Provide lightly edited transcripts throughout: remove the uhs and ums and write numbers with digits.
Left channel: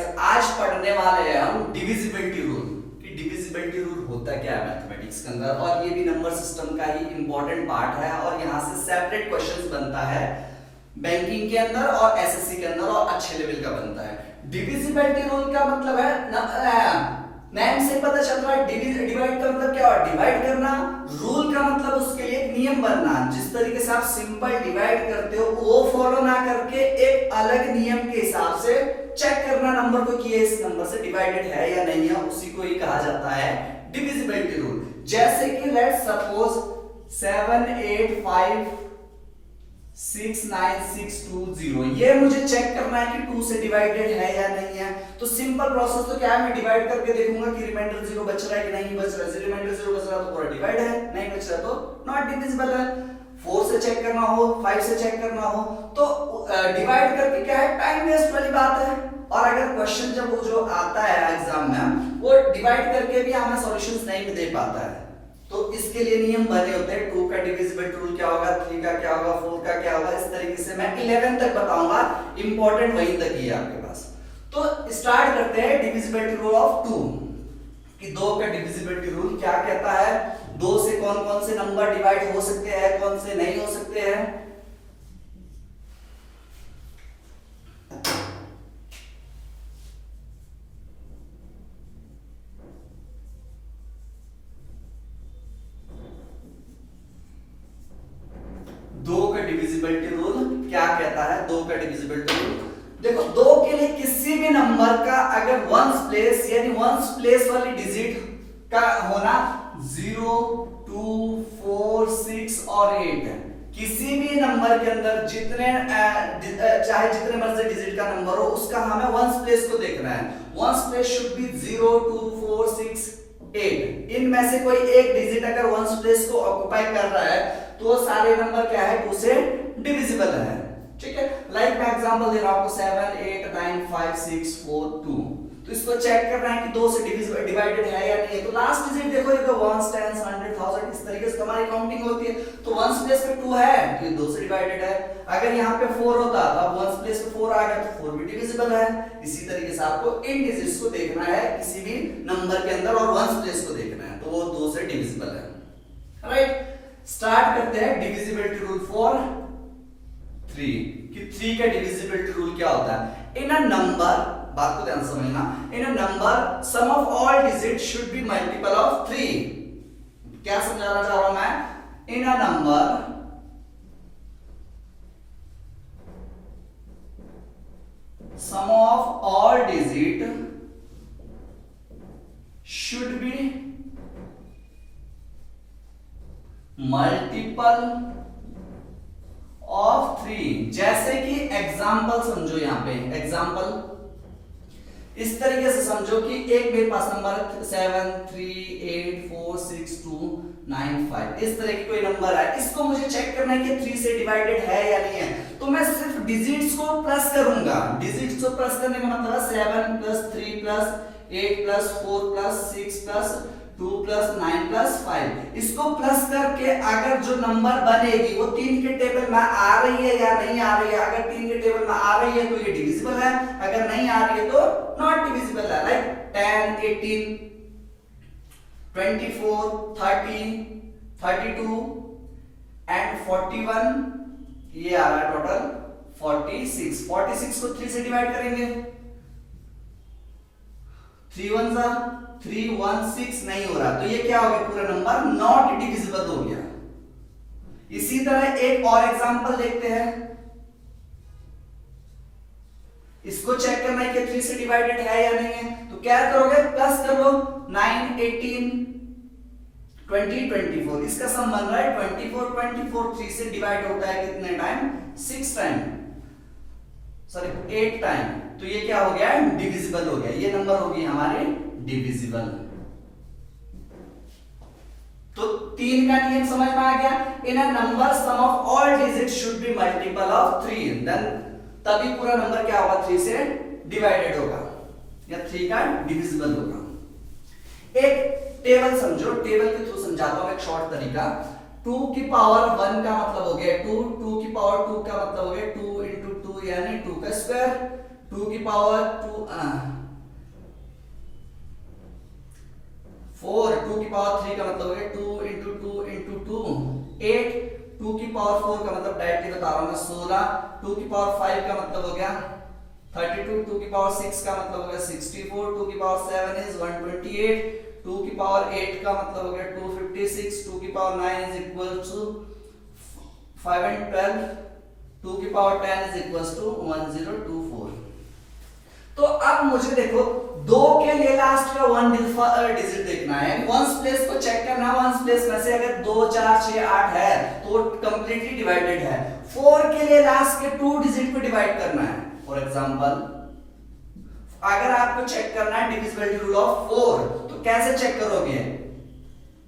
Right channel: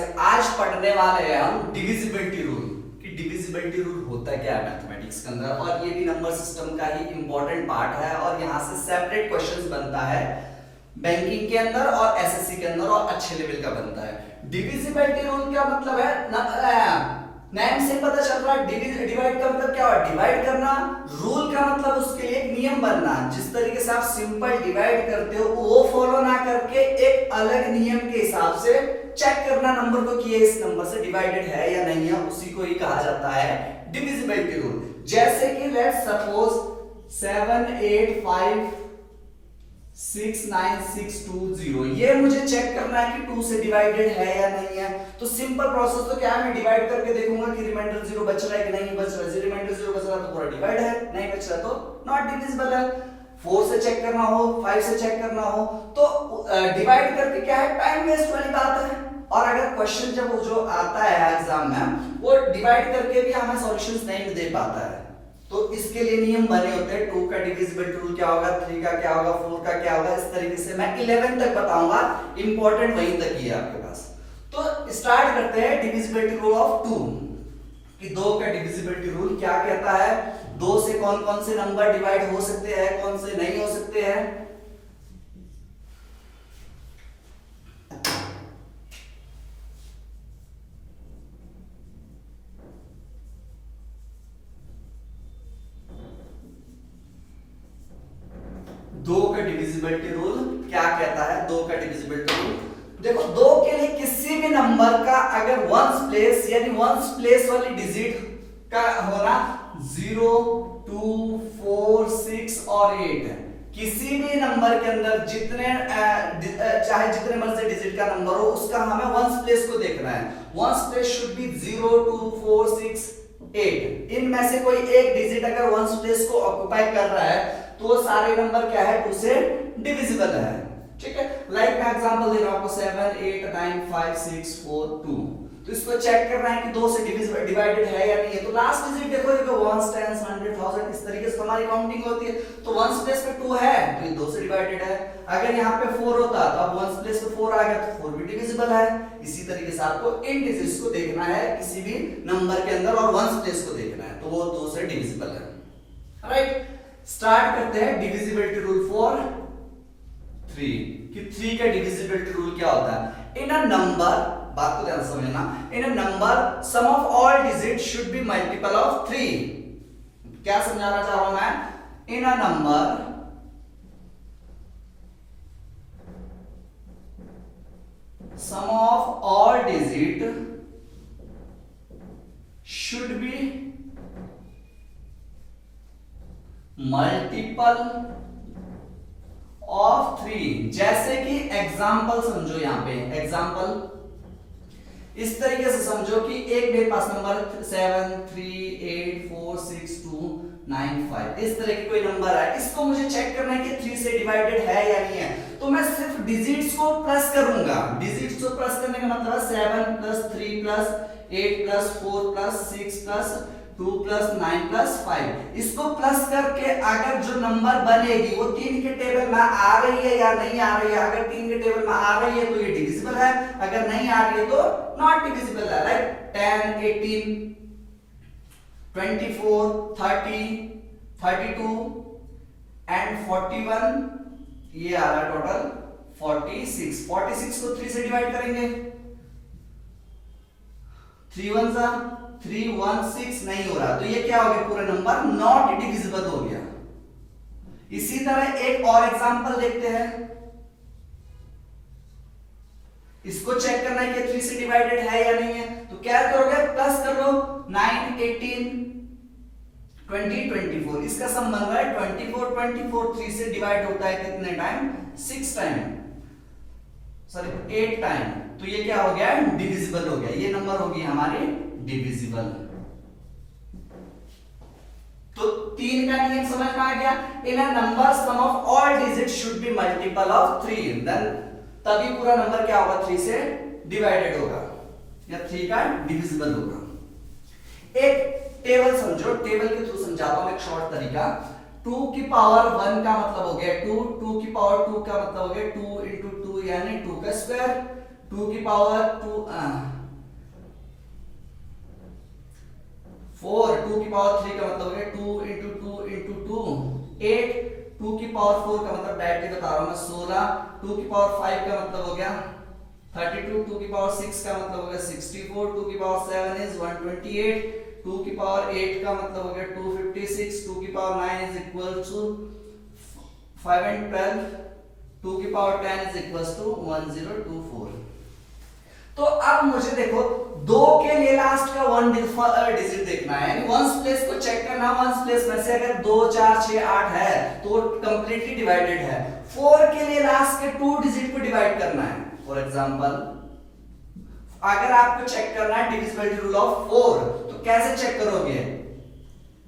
Guys आज पढ़ने वाले हैं हम डिविजिबिलिटी रूल कि डिविजिबिलिटी रूल होता क्या है मैथमेटिक्स के अंदर, और ये भी नंबर सिस्टम का ही इंपॉर्टेंट पार्ट है और यहाँ से सेपरेट क्वेश्चंस बनता है बैंकिंग के अंदर और एसएससी के अंदर और अच्छे लेवल का बनता है। डिविजिबिलिटी रूल का मतलब है नेम से पता चल रहा है डिवाइड का मतलब क्या है, डिवाइड करना। रूल का मतलब उसके लिए एक नियम बनना, जिस तरीके से आप सिंपल डिवाइड करते हो वो फॉलो ना करके एक अलग नियम के हिसाब से चेक करना नंबर को कि ये इस नंबर से डिवाइडेड है या नहीं है, उसी को ही कहा जाता है डिविजिबिलिटी रूल। जैसे कि लेट्स सपोज 7 8 5 6 9 6 2 0, ये मुझे चेक करना है कि 2 से डिवाइडेड है या नहीं है। तो सिंपल प्रोसेस तो क्या है, मैं डिवाइड करके देखूंगा कि रिमाइंडर 0 बच रहा है कि नहीं बच रहा है। रिमाइंडर 0 बच रहा है तो पूरा डिवाइड है, नहीं बच रहा तो नॉट डिविजिबल है। 4 से चेक करना हो, 5 से चेक करना हो तो डिवाइड करके क्या है, टाइम वेस्ट वाली बात है। और अगर क्वेश्चन जब वो जो आता है एग्जाम में वो डिवाइड करके भी हमें सॉल्यूशंस नहीं दे पाता है, तो इसके लिए नियम बने होते हैं। 2 का डिविजिबिलिटी रूल क्या होगा, 3 का क्या होगा, 4 का क्या होगा, इस तरीके से मैं 11 तक बताऊंगा, इंपॉर्टेंट वहीं तक ही है आपके पास। तो स्टार्ट करते हैं डिविजिबिलिटी रूल ऑफ 2 कि 2 का डिविजिबिलिटी रूल क्या कहता है, 2 से कौन कौन से नंबर डिवाइड हो सकते हैं, कौन से नहीं हो सकते हैं। डिविजिबिलिटी रूल क्या कहता है, 2 का डिविजिबिलिटी रूल देखो, 2 के लिए किसी भी नंबर का अगर वंस प्लेस यानी वंस प्लेस वाली डिजिट का होना 0 2 4 6 और 8 है। किसी भी नंबर के अंदर जितने चाहे जितने मर्जी डिजिट का नंबर हो उसका हमें वंस प्लेस को देखना है। Ones place should be 0 2 4 6 8। इनमें से कोई एक डिजिट अगर वंस प्लेस को ऑक्युपाई कर रहा है तो वो सारे नंबर क्या है, 2 से डिविजिबल है। ठीक है, लाइक मैं एग्जांपल दे रहा हूं आपको 7 8 9 5 6 4 2। तो इसको चेक करना है कि 2 से डिवाइडेड है या नहीं है। तो लास्ट डिजिट देखो, देखो 1 10 100 1000 इस तरीके से हमारी काउंटिंग होती है। तो 1s प्लेस पे 2 है तो ये 2 से डिवाइडेड है। अगर यहाँ पे 4 होता तो अब 1s प्लेस पे 4 आ गया तो 4 भी डिविजिबल है। इसी तरीके से आपको इन डिजिट्स को देखना है किसी भी नंबर के अंदर और 1s प्लेस को देखना है तो वो 2 से डिविजिबल है। राइट, स्टार्ट करते हैं डिविजिबिलिटी रूल फॉर 3 कि 3 का डिविजिबिलिटी रूल क्या होता है। इन अ नंबर, बात को ध्यान से समझना, in a number sum of all digit should be multiple of 3। क्या समझाना चाह रहा हूं मैं, in a number sum of all digit should be multiple of 3। जैसे कि एग्जाम्पल समझो, यहां पे एग्जाम्पल इस तरीके से समझो कि एक मेरे पास नंबर 7 3 8 4 6 2 9 5 इस तरह की कोई नंबर है। इसको मुझे चेक करना है कि 3 से डिवाइडेड है या नहीं है। तो मैं सिर्फ डिजिट्स को प्लस करूंगा। डिजिट्स को प्लस करने का मतलब है 7 plus 3 plus 8 plus 4 plus 6 plus 2 plus 9 plus 5। इसको प्लस करके अगर जो नंबर बनेगी वो 3 के टेबल में आ रही है या नहीं आ रही है। अगर 3 के टेबल में आ रही है तो ये डिविजिबल है, अगर नहीं आ रही है तो नॉट डिविजिबल है। लाइक 10 18 24 30 32 एंड 41, ये आ रहा है टोटल 46। 46 को 3 से डिवाइड करेंगे, 3 1 जा 3 1 6 नहीं हो रहा तो ये क्या हो गया, पूरा नंबर नॉट डिविजिबल हो गया। इसी तरह एक और एग्जांपल देखते हैं। इसको चेक करना है कि 3 से डिवाइडेड है या नहीं है। तो क्या करोगे, प्लस कर लो 9 18 20 24। इसका सम बन रहा है 24 24। 3 से डिवाइड होता है कितने टाइम, 6 टाइम, सॉरी 8 टाइम। तो ये क्या हो गया, डिविजिबल हो गया। ये नंबर होगी हमारी डिविजिबल। तो 3 का नियम समझ में आ गया। In a number sum of all digit should be multiple of 3, then तभी पूरा नंबर क्या होगा, 3 से डिवाइडेड होगा या 3 का डिविजिबल होगा। एक टेबल समझो, टेबल के थ्रू समझाता हूं एक शॉर्ट तरीका। 2 की पावर 1 का मतलब हो गया 2, 2 की पावर 2 का मतलब हो गया 2 into 2 यानी 2 का स्क्वायर। 2 की पावर 2 4, 2 की पावर 3 का मतलब हो गया 2 इंटू 2 इंटू 2 8, 2 की पावर 4 का मतलब डायरेक्टली बता रहा हूं मैं 16, 2 की पावर 5 का मतलब हो गया 32, 2 की पावर 6 का मतलब हो गया 64, 2 की पावर 7 इज 128, 2 की पावर 8 का मतलब हो गया 256, 2 की power 9 is equal to 5 and 12, 2 की पावर 10 इज इक्वल टू 1024। तो अब मुझे देखो 2 के लिए लास्ट का 1 डिजिट देखना है, यानी वंस प्लेस को चेक करना। वंस प्लेस में से अगर 2 4 6 8 है तो कंप्लीटली डिवाइडेड है। 4 के लिए लास्ट के 2 डिजिट को डिवाइड करना है। फॉर एग्जांपल अगर आपको चेक करना है डिविजिबिलिटी रूल ऑफ 4 तो कैसे चेक करोगे?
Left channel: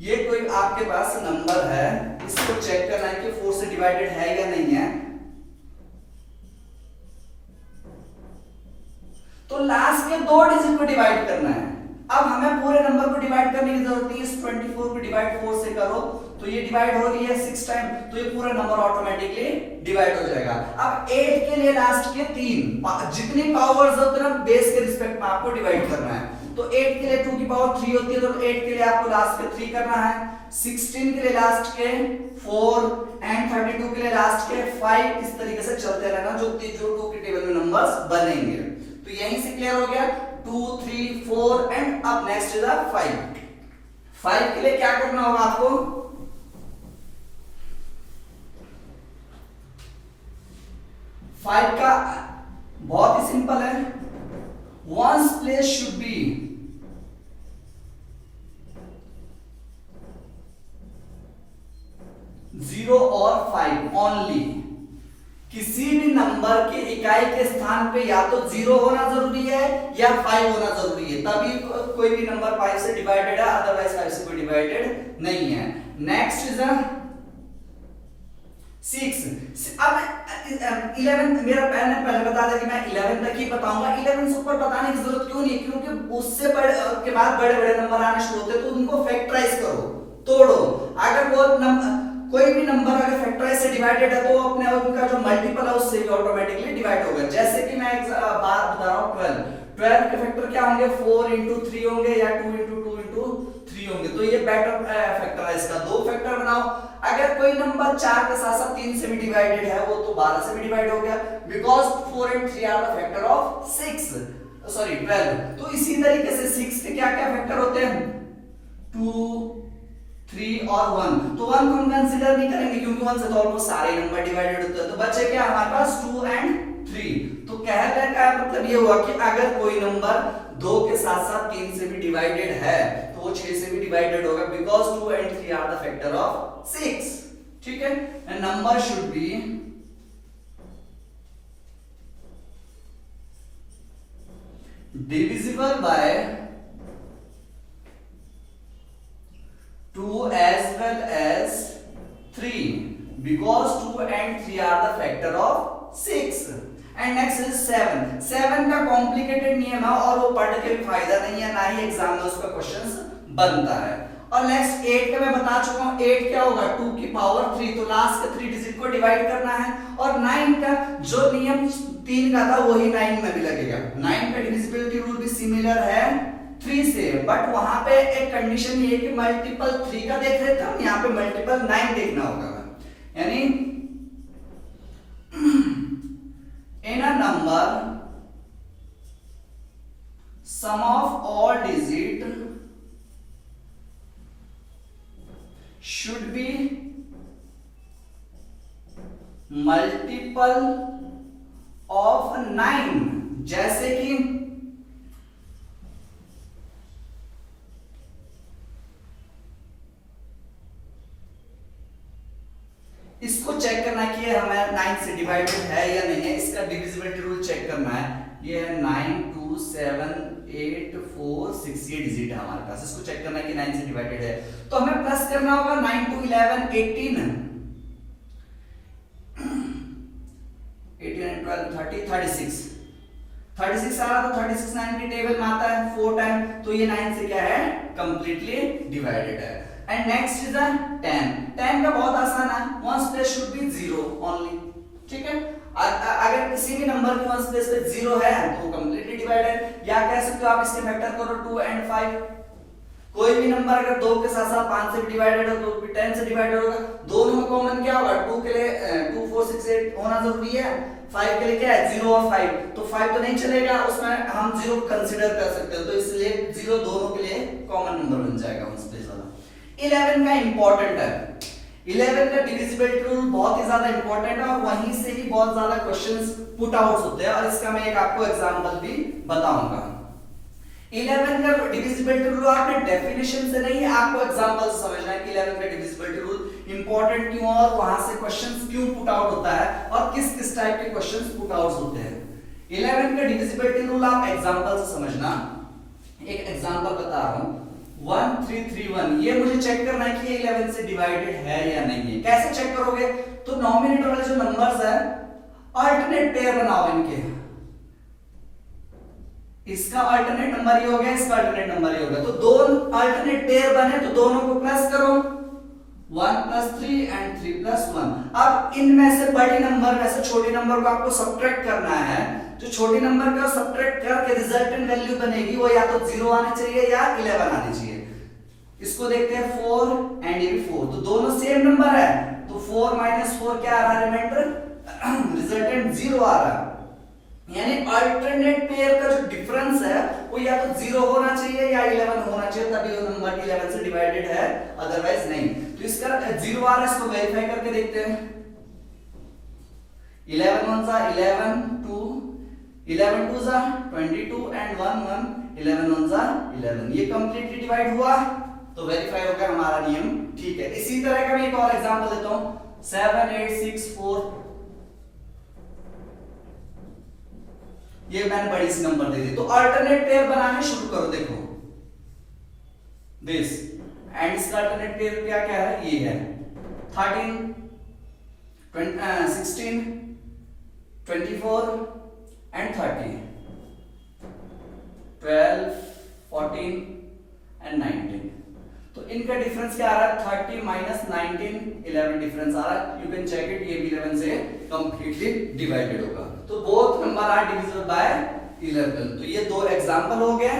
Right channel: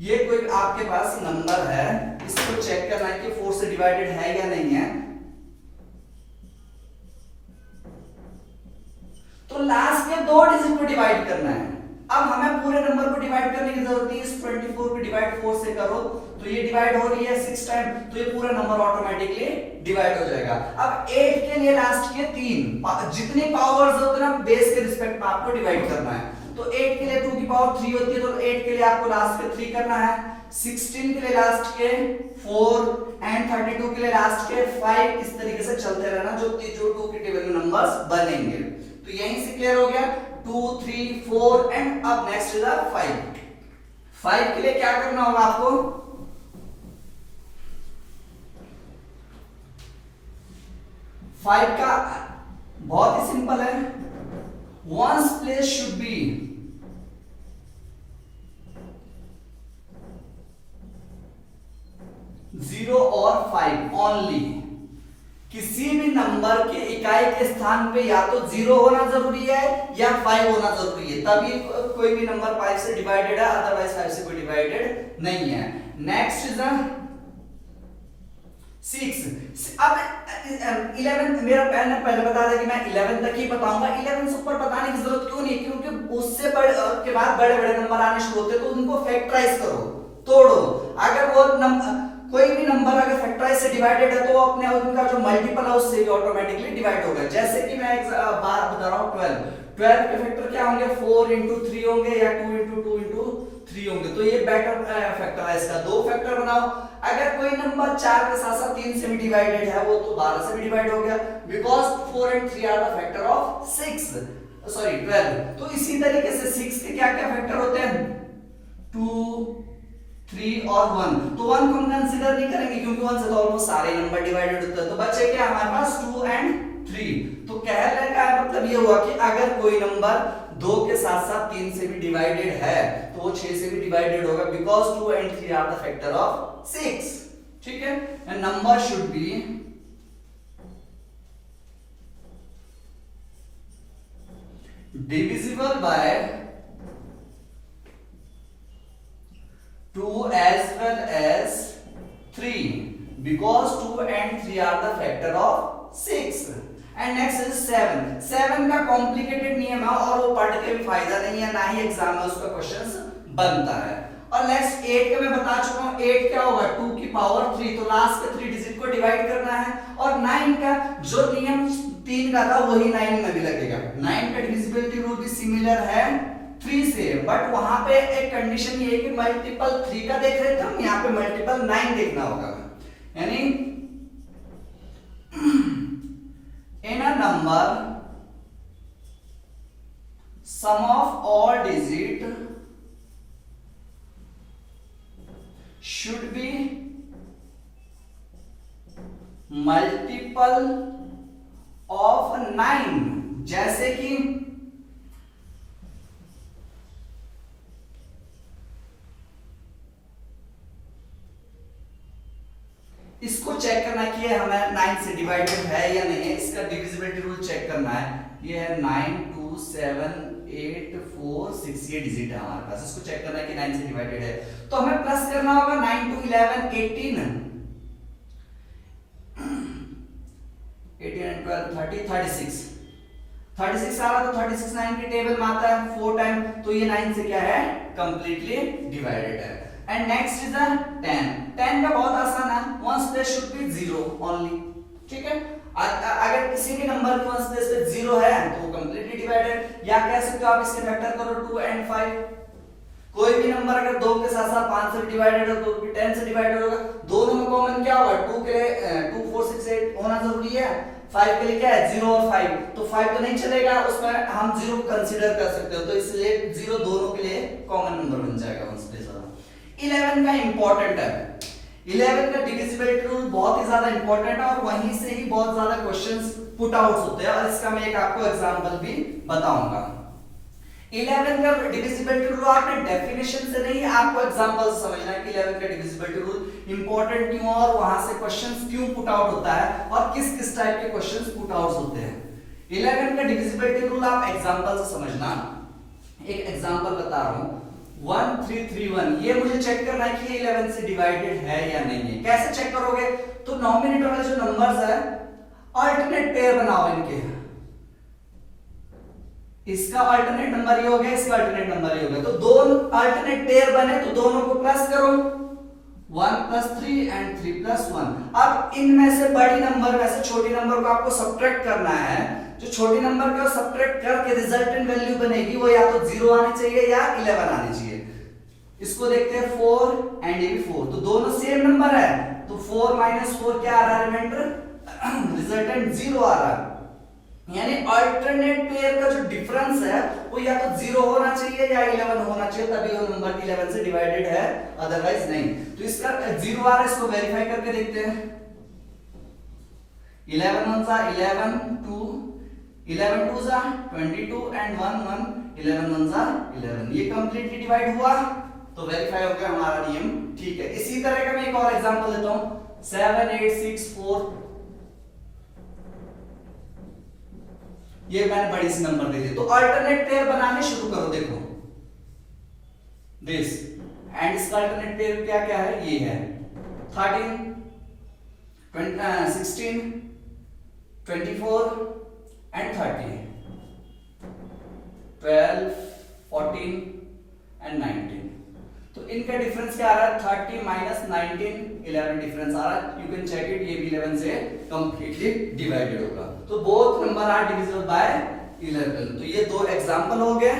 ये कोई आपके पास नंबर है, इसको चेक करना है कि 4 से डिवाइडेड है या नहीं है। तो लास्ट के 2 डिजिट को डिवाइड करना है। अब हमें पूरे नंबर को डिवाइड करने की जरूरत नहीं है। इस 24 को डिवाइड 4 से करो तो ये डिवाइड हो रही है 6 टाइम, तो ये पूरा नंबर ऑटोमेटिकली डिवाइड हो जाएगा। अब 8 के लिए लास्ट के 3 जितनी पावर्स होते हैं ना बेस के रिस्पेक्ट में आपको डिवाइड करना है। तो 8 के लिए 2 की पावर 3 होती है, तो 8 के लिए आपको लास्ट के 3 करना है। 16 के लिए लास्ट के 4 एंड 32 के लिए लास्ट के 5, इस तरीके से चलते रहना जो 2 के टेबल में नंबर्स बनेंगे। तो यहीं से क्लियर हो गया 2 3 4 एंड अब नेक्स्ट इज 5। 5 के लिए क्या करना होगा आपको? फाइव का बहुत ही सिंपल है, वंस प्लेस शुड बी 0 और 5 ओनली। किसी भी नंबर के इकाई के स्थान पे या तो 0 होना जरूरी है या 5 होना जरूरी है, तभी कोई भी नंबर 5 से डिवाइडेड है, अदरवाइज 5 से कोई डिवाइडेड नहीं है। Next is 6। अब 11 मेरा पहले बता था कि मैं 11 तक ही बताऊंगा। 11 से ऊपर बताने की जरूरत क्यों नहीं है, क्योंकि उससे के बाद बड़े बड़े नंबर आने शुरू होते हैं, तो उनको फैक्टराइज करो, तोड़ो। अगर वो कोई भी नंबर अगर फैक्टराइज से डिवाइडेड है तो अपने उनका जो मल्टीपल है उससे भी ऑटोमेटिकली डिवाइड होगा। जैसे कि मैं एक बात बता रहा हूं 12 के फैक्टर क्या होंगे? 4 into 3 होंगे या 2 into 2 into 3 होंगे। तो ये बेटर फैक्टर है, इसका 2 फैक्टर बनाओ। अगर कोई नंबर 4 के साथ साथ 3 से भी डिवाइडेड है वो तो 12 से भी डिवाइड हो गया, because 4 and 3 are the factor of 12। तो इसी तरीके से 6 के क्या क्या फैक्टर होते हैं? 2 3 और 1। तो 1 को हम कंसीडर नहीं करेंगे क्योंकि 1 से तो ऑलमोस्ट सारे नंबर डिवाइडेड होते हैं। तो बचे क्या हमारे पास? 2 and 3। तो कहने का मतलब ये हुआ कि अगर कोई नंबर 2 के साथ साथ 3 से भी डिवाइडेड है तो वो 6 से भी डिवाइडेड होगा, because 2 and 3 are the factor of 6। ठीक है, number should be divisible by 2 as well as 3 because 2 and 3 are the factor of 6। and next is 7। 7 का कॉम्प्लिकेटेड नियम है और वो पढ़ के भी फायदा नहीं है, ना ही एग्जाम में उसका क्वेश्चंस बनता है। और नेक्स्ट 8 का मैं बता चुका हूं, 8 क्या होगा? 2 की पावर 3, तो लास्ट के 3 डिजिट को डिवाइड करना है। और 9 का जो नियम 3 का था वही 9 में भी लगेगा। 9 का डिविजिबिलिटी रूल भी सिमिलर है 3 से, बट वहां पे एक कंडीशन ये है कि मल्टीपल 3 का देख रहे थे हम, यहाँ पे मल्टीपल 9 देखना होगा। यानी in a number sum of all digit should be multiple of 9। जैसे कि इसको चेक करना है कि हमें 9 से डिवाइडेड है या नहीं है, इसका डिविजिबिलिटी रूल चेक करना है। ये है 9 2 7 8 4 6, ये डिजिट है हमारे पास, इसको चेक करना है कि 9 से डिवाइडेड है। तो हमें प्लस करना होगा 9 2 11 18 and 12 30 36 36 आ रहा, तो 36 9 के टेबल में आता है 4 टाइम, तो ये 9 से क्या है? कंप्लीटली डिवाइडेड है। And next is 10। 10 का बहुत आसान है, ones place should be 0 only. ठीक है, अगर किसी भी नंबर के वंस प्लेस पे 0 है तो वो कंप्लीटली डिवाइडेड, या कह सकते हो आप इसके फैक्टर करो 2 and 5। कोई भी नंबर अगर 2 के साथ साथ 5 से भी डिवाइडेड हो तो भी 10 से डिवाइडेड होगा। दोनों में कॉमन क्या होगा, 2 के लिए 2 4 6 8 होना जरूरी है, 5 के लिए क्या है 0 और 5, तो 5 तो नहीं चलेगा, उसमें हम 0 कंसीडर कर सकते हो, तो इसलिए 0 दोनों के लिए कॉमन नंबर बन जाएगा वंस प्लेस वाला। 11 का इंपॉर्टेंट है, 11 का डिविजिबिलिटी रूल बहुत ही ज्यादा इंपॉर्टेंट है और वहीं से ही बहुत ज्यादा क्वेश्चंस पुट आउट होते हैं, और इसका मैं एक आपको एग्जांपल भी बताऊंगा। 11 का डिविजिबिलिटी रूल आपने डेफिनेशन से नहीं, आपको एग्जांपल से समझना है कि 11 का डिविजिबिलिटी रूल इंपॉर्टेंट क्यों और वहां से क्वेश्चंस क्यों पुट आउट होता है और किस किस टाइप के क्वेश्चंस पुट आउट होते हैं। 11 का डिविजिबिलिटी रूल आप एग्जांपल से समझना। एक एग्जांपल बता रहा हूं, 1331, ये मुझे चेक करना है कि ये 11 से डिवाइडेड है या नहीं है। कैसे चेक करोगे, तो नॉमिनेटर वाले जो नंबर्स है अल्टरनेट पेयर बनाओ इनके, इसका अल्टरनेट नंबर ये हो गया, इसका अल्टरनेट नंबर ये हो गया, तो दो अल्टरनेट पेयर बने तो दोनों को प्लस करो, 1 + 3 and 3 + 1। अब इनमें से बड़ी नंबर में से छोटी नंबर को आपको सब्ट्रैक्ट करना है, जो छोटी नंबर को सब्ट्रैक्ट करके रिजल्टेंट वैल्यू बनेगी वो या तो 0 आनी चाहिए या 11 आनी चाहिए। इसको देखते हैं 4 and ये भी 4, तो दोनों सेम नंबर है, तो 4 - 4 क्या आ रहा है, रिमाइंडर रिजल्टेंट 0 आ रहा है, यानी अल्टरनेट पेयर का जो डिफरेंस है वो या तो 0 होना चाहिए या 11 होना चाहिए, तभी वो नंबर 11 से डिवाइडेड है, अदरवाइज नहीं। तो इसका 0 आ रहा है, इसको वेरीफाई करके देखते हैं। 11 1 सा 11, 2 11 2 सा 22 and 1 1 11 1 सा 11, ये कंप्लीटली डिवाइड हुआ, तो वेरीफाई हो गया, हमारा नियम ठीक है। इसी तरह का मैं एक और एग्जांपल देता हूं, 7 8 6 4, ये मैंने बड़ी सी नंबर दे दी, तो अल्टरनेट पेयर बनाने शुरू करो, देखो दिस एंड इसका अल्टरनेट पेयर क्या क्या है, ये है 13 16 24 and 30, 12 14 and 19, तो इनका डिफरेंस क्या आ रहा है, 30 - 19 11 डिफरेंस आ रहा है, यू कैन चेक इट, ये भी 11 से कंप्लीटली डिवाइडेड होगा, तो both number are divisible by 11। तो ये दो एग्जांपल हो गए।